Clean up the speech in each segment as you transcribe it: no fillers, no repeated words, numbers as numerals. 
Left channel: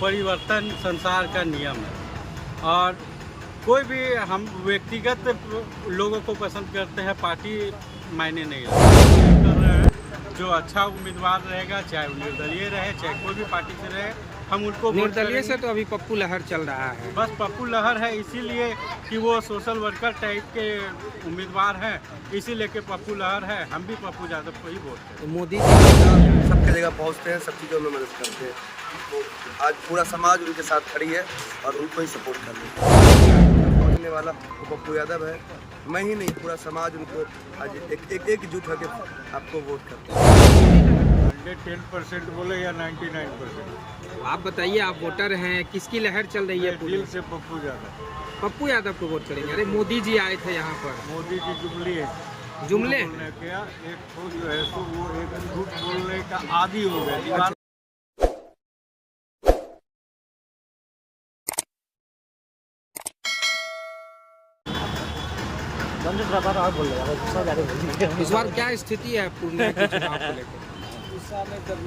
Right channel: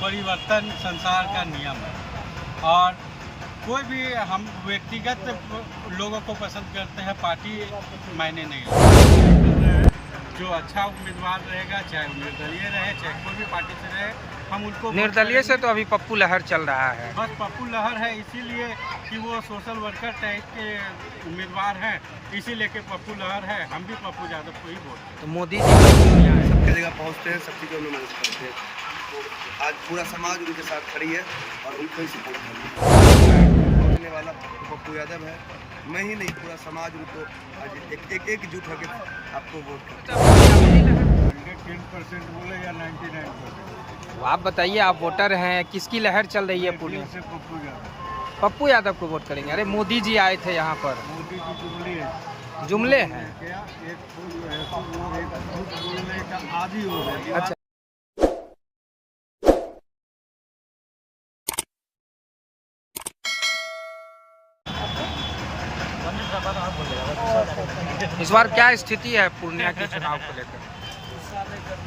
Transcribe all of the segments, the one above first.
परिवर्तन संसार का नियम है और कोई भी हम व्यक्तिगत लोगों को पसंद करते हैं, पार्टी मायने नहीं रखता। जो अच्छा उम्मीदवार रहेगा, चाहे वो निर्दलीय रहे, चाहे कोई भी पार्टी से रहे, हम उनको निर्दलीय से तो अभी पप्पू लहर चल रहा है। बस पप्पू लहर है इसीलिए कि वो सोशल वर्कर टाइप के उम्मीदवार हैं, इसीलिए कि पप्पू लहर है। हम भी पप्पू यादव को ही वोट करें। तो मोदी सबकी जगह पहुंचते हैं, सब चीज़ों में मदद करते हैं। तो आज पूरा समाज उनके साथ खड़ी है और उनको ही सपोर्ट कर रही है। पहुँचने वाला तो पप्पू यादव है, मैं ही नहीं, पूरा समाज उनको आज एकजुट होकर आपको वोट करता है। 10% बोले या 99%? तो आप बताइए, आप वोटर हैं, किसकी लहर चल रही है पूरी? दिल से पप्पू यादव। पप्पू यादव को वोट करेंगे। अरे मोदी जी आए थे यहाँ पर। मोदी जी जुमली है, जुमले हैं क्या? एक तो जो है तो वो एक झूठ बोलने का आदी हो गया। दीवार इस बार क्या स्थिति है पूर्णिया के चुनाव को लेकर?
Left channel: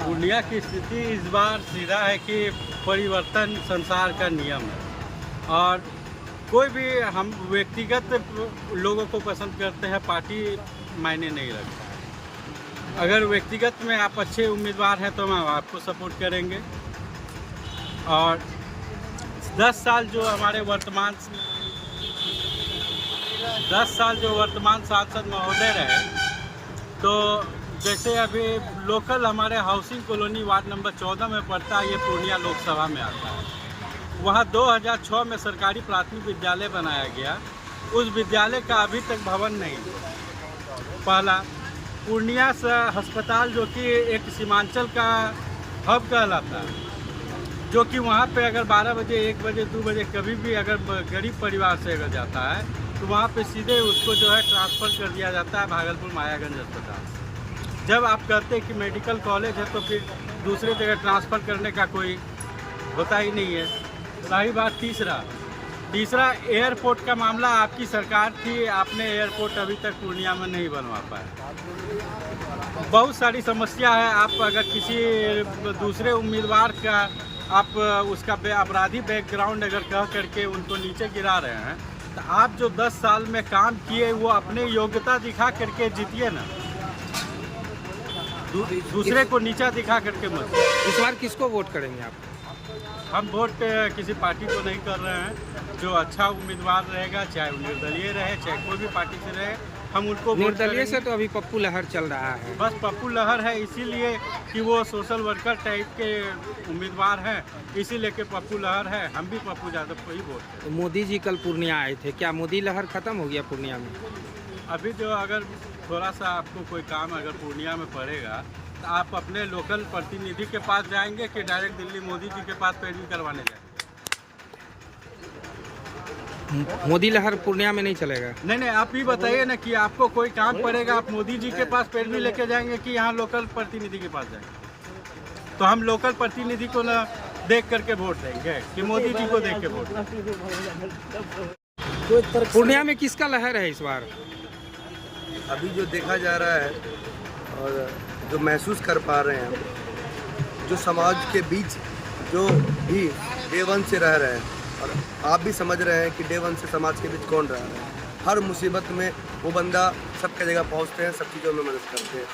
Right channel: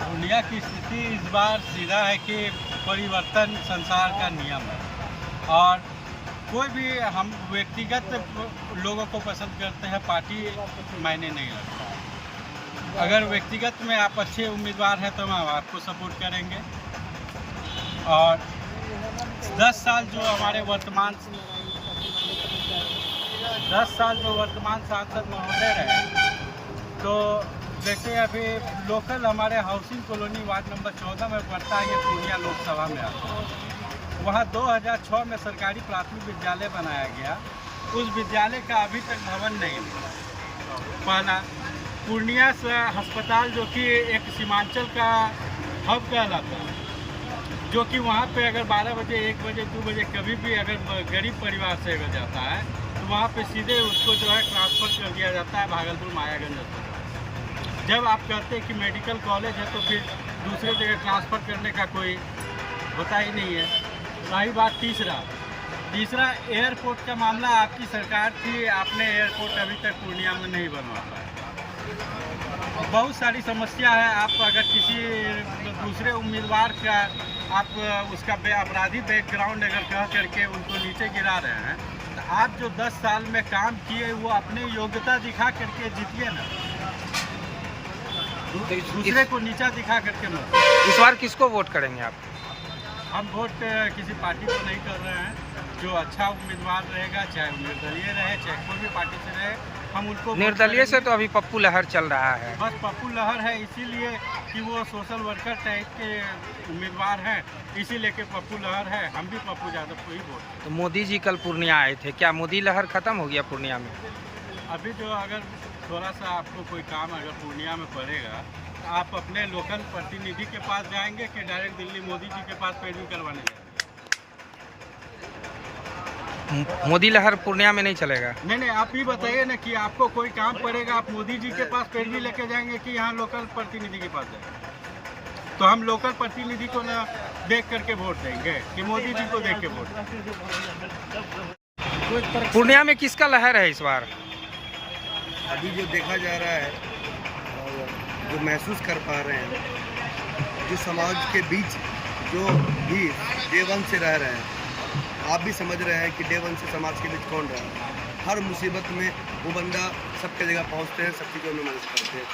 पूर्णिया की स्थिति इस बार सीधा है कि परिवर्तन संसार का नियम है और कोई भी हम व्यक्तिगत लोगों को पसंद करते हैं, पार्टी मायने नहीं रखता। अगर व्यक्तिगत में आप अच्छे उम्मीदवार हैं तो हम आपको सपोर्ट करेंगे। और 10 साल जो हमारे वर्तमान सांसद महोदय रहे, तो जैसे अभी लोकल हमारे हाउसिंग कॉलोनी वार्ड नंबर 14 में पड़ता है, ये पूर्णिया लोकसभा में आता है। वहाँ 2006 में सरकारी प्राथमिक विद्यालय बनाया गया। उस विद्यालय का अभी तक भवन नहीं मिला। पहला पूर्णिया से अस्पताल, जो कि एक सीमांचल का हब कहलाता है, जो कि वहाँ पे अगर 12 बजे, 1 बजे, 2 बजे कभी भी अगर गरीब परिवार से अगर जाता है तो वहाँ पे सीधे उसको जो है ट्रांसफ़र कर दिया जाता है भागलपुर मायागंज अस्पताल। जब आप कहते हैं कि मेडिकल कॉलेज है तो फिर दूसरे जगह ट्रांसफ़र करने का कोई होता ही नहीं है। रही बात तीसरा एयरपोर्ट का मामला, आपकी सरकार थी, आपने एयरपोर्ट अभी तक पूर्णिया में नहीं बनवा पाए। बहुत सारी समस्या है। आप अगर किसी दूसरे उम्मीदवार का आप उसका अपराधी बैकग्राउंड अगर कह करके उनको नीचे गिरा रहे हैं, तो आप जो 10 साल में काम किए वो अपनी योग्यता दिखा करके जीतिए ना, दूसरे को नीचा दिखा करके मत। इस बार किसको वोट करेंगे आप? हम वोट किसी पार्टी को नहीं कर रहे हैं। जो अच्छा उम्मीदवार रहेगा, चाहे वो निर्दलीय रहे, चाहे कोई भी पार्टी से रहे, हम उनको निर्दलीय से तो अभी पप्पू लहर चल रहा है। बस पप्पू लहर है इसीलिए कि वो सोशल वर्कर टाइप के उम्मीदवार हैं, इसीलिए कि पप्पू लहर है। हम भी पप्पू यादव को ही वोट करें। तो मोदी जी कल पूर्णिया आए थे, क्या मोदी लहर खत्म हो गया पूर्णिया में? अभी जो अगर थोड़ा सा आपको कोई काम अगर पूर्णिया में पड़ेगा तो आप अपने लोकल प्रतिनिधि के पास जाएंगे कि डायरेक्ट दिल्ली मोदी जी के पास पैरवी करवाने जाएंगे? मोदी लहर पूर्णिया में नहीं चलेगा। नहीं, आप ही बताइए ना कि आपको कोई काम पड़ेगा, आप मोदी जी के पास पैरवी लेके जाएंगे कि यहाँ लोकल प्रतिनिधि के पास जाएंगे? तो हम लोकल प्रतिनिधि को ना देख करके वोट देंगे कि मोदी जी को देख के वोट देंगे? पूर्णिया में किसका लहर है इस बार? अभी जो देखा जा रहा है और जो महसूस कर पा रहे हैं, जो समाज के बीच जो भी डे 1 से रह रहे हैं, और आप भी समझ रहे हैं कि डे 1 से समाज के बीच कौन रहा है। हर मुसीबत में वो बंदा सबकी जगह पहुंचते हैं, सब चीज़ों में मदद करते हैं।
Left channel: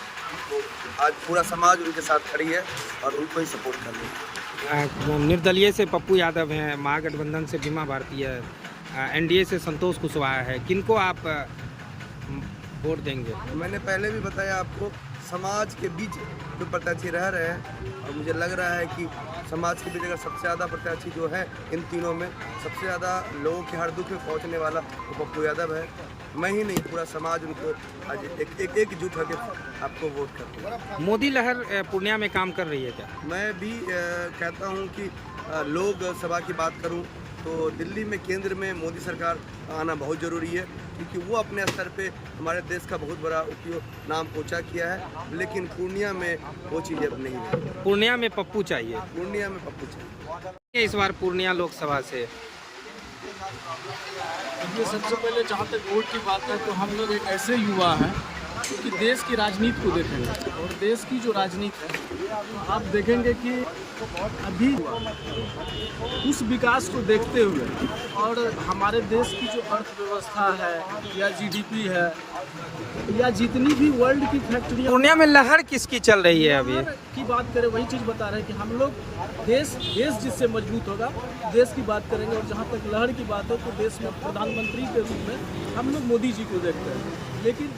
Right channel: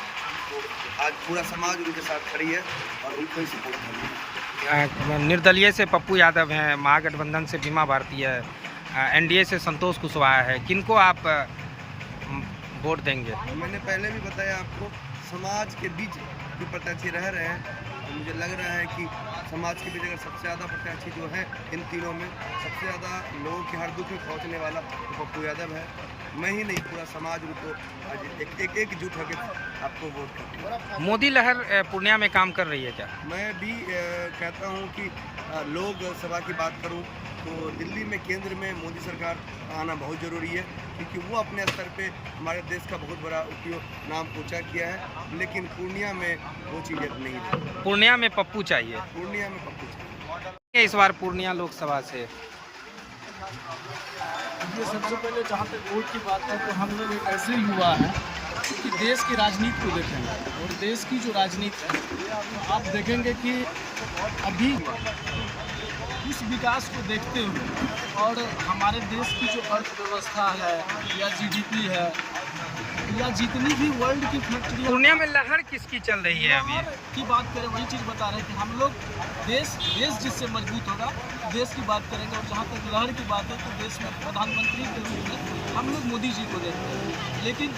तो आज पूरा समाज उनके साथ खड़ी है और उनको ही सपोर्ट कर रही है। निर्दलीय से पप्पू यादव हैं, महागठबंधन से बीमा भारती है, एनडीए से संतोष कुशवाहा है। किनको आप वोट देंगे? मैंने पहले भी बताया आपको, समाज के बीच जो प्रत्याशी रह रहे हैं, और मुझे लग रहा है कि समाज के बीच अगर सबसे ज़्यादा प्रत्याशी जो है इन तीनों में, सबसे ज़्यादा लोगों के हर दुख में पहुंचने वाला तो पप्पू यादव है। मैं ही नहीं, पूरा समाज उनको आज एकजुट होकर आपको वोट करते हैं। मोदी लहर पूर्णिया में काम कर रही है क्या? मैं भी कहता हूं कि लोग सभा की बात करूं तो दिल्ली में केंद्र में मोदी सरकार आना बहुत ज़रूरी है, क्योंकि वो अपने स्तर पे हमारे देश का बहुत बड़ा उपयोग नाम ऊँचा किया है, लेकिन पूर्णिया में वो चीज़ अब नहीं रही। पूर्णिया में पप्पू चाहिए। पूर्णिया में पप्पू चाहिए। इस बार पूर्णिया लोकसभा से ये सबसे पहले जहाँ तक वोट की बात है तो हम लोग एक ऐसे युवा हैं कि देश की राजनीति को देखेंगे, और देश की जो राजनीति है तो आप देखेंगे कि अभी उस विकास को देखते हुए और हमारे देश की जो अर्थव्यवस्था है या जीडीपी है या जितनी भी वर्ल्ड की फैक्ट्रियाँ पूर्णिया में लहर किसकी चल रही है अभी? की बात करें, वही चीज़ बता रहे हैं कि हम लोग देश जिससे मजबूत होगा देश की बात करेंगे। और जहाँ तक लहर की बात है तो देश में प्रधानमंत्री के रूप में हम लोग मोदी जी को देखते हैं। लेकिन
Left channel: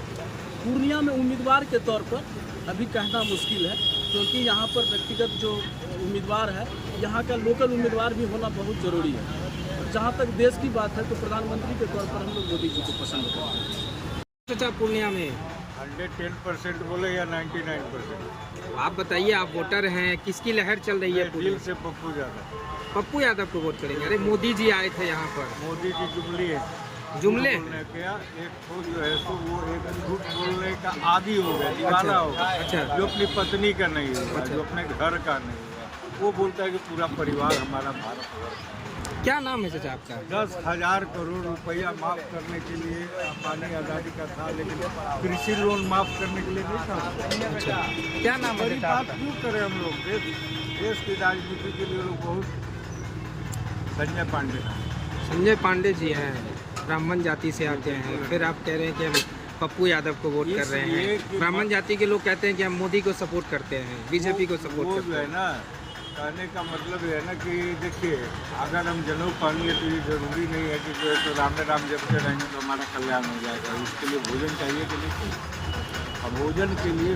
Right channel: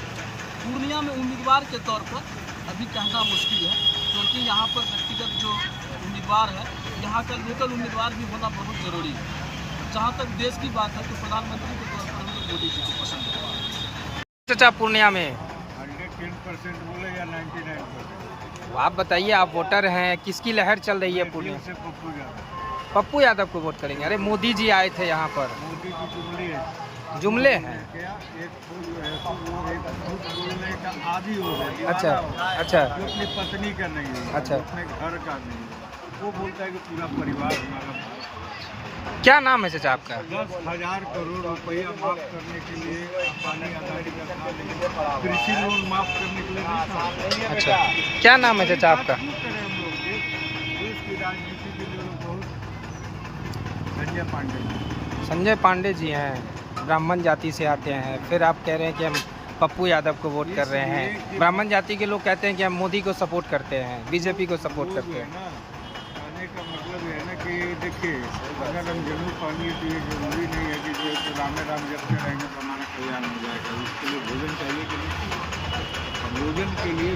पूर्णिया में उम्मीदवार के तौर पर अभी कहना मुश्किल है, क्योंकि यहाँ पर व्यक्तिगत जो उम्मीदवार है, यहाँ का लोकल उम्मीदवार भी होना बहुत ज़रूरी है। जहाँ तक देश की बात है तो प्रधानमंत्री के तौर पर हम लोग मोदी जी को पसंद करते हैं। चाचा पूर्णिया में 110% बोले या 99%? आप बताइए, आप वोटर हैं, किसकी लहर चल रही है पूर्णिया? से पप्पू यादव। पप्पू यादव को वोट करेंगे? अरे मोदी जी आए थे यहाँ पर। मोदी जी जुमली है। जुमले उन्होंने क्या एक तो जो है तो वो एक झूठ बोलने का आदी हो गया, दीवाना अच्छा हो गया, अच्छा जो अपनी पत्नी का नहीं हुआ, अच्छा। जो अपने घर का नहीं हुआ, वो बोलता है कि पूरा परिवार हमारा भारत। क्या नाम है चाचा आपका? 10,000 करोड़ रुपया माफ करने के लिए पानी आज़ादी का था, लेकिन कृषि लोन माफ करने के लिए नहीं था उसको। अच्छा, क्या नाम है बड़ी चाचा बात आपका? क्यों करें हम लोग? देश की राजनीति के लिए लोग बहुत। संजय पांडे नाम। संजय पांडे जी हैं, ब्राह्मण जाति से आते हैं, फिर आप कह रहे हैं कि हम पप्पू यादव को वोट कर रहे हैं। ब्राह्मण जाति के लोग कहते हैं कि हम मोदी को सपोर्ट करते हैं, बीजेपी को सपोर्ट वो करते जो है हैं। ना, कहने का मतलब ये है ना कि देखिए, अगर हम जनेऊ पहनिए तो ये जरूरी नहीं है कि जो है तो राम राम जपते रहेंगे तो हमारा कल्याण हो जाएगा। उसके लिए भोजन चाहिए कि नहीं चाहिए? और भोजन के लिए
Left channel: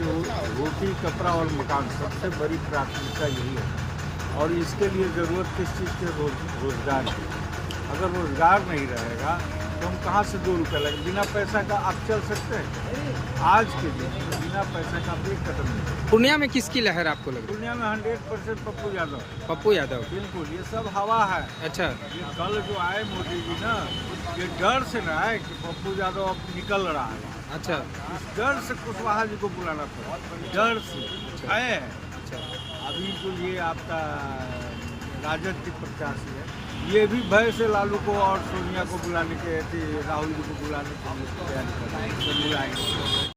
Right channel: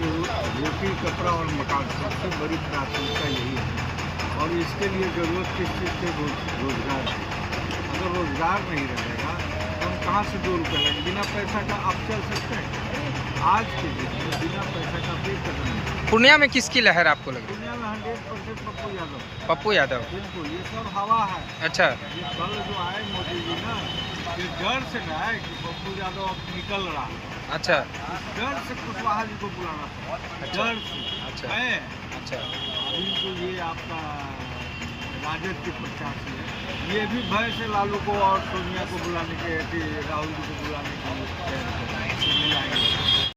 रोटी, कपड़ा और मकान सबसे बड़ी प्राथमिकता यही है। और इसके लिए ज़रूरत किस चीज़ की? रोजगार की। अगर रोजगार नहीं रहेगा तो हम कहाँ से 2 रुपये लेंगे? बिना पैसा का आप चल सकते हैं? आज के दिन में बिना पैसा का भी कदम नहीं। पूर्णिया में किसकी लहर आपको लग रही है? दुनिया में 100% पप्पू यादव। पप्पू यादव? बिल्कुल, ये सब हवा है। अच्छा, ये कल जो आए मोदी जी ना, ये डर से ना है कि पप्पू यादव अब निकल रहा है। अच्छा इस डर से कुशवाहा जी को बुलाना पड़ा, डर से। अच्छा। है अच्छा, अभी तो ये आपका राजद की प्रत्याशी है, ये भी भय से लालू को और सोनिया को बुलाने के, राहुल जी को बुलाने के लिए तैयारी कर रहे हैं।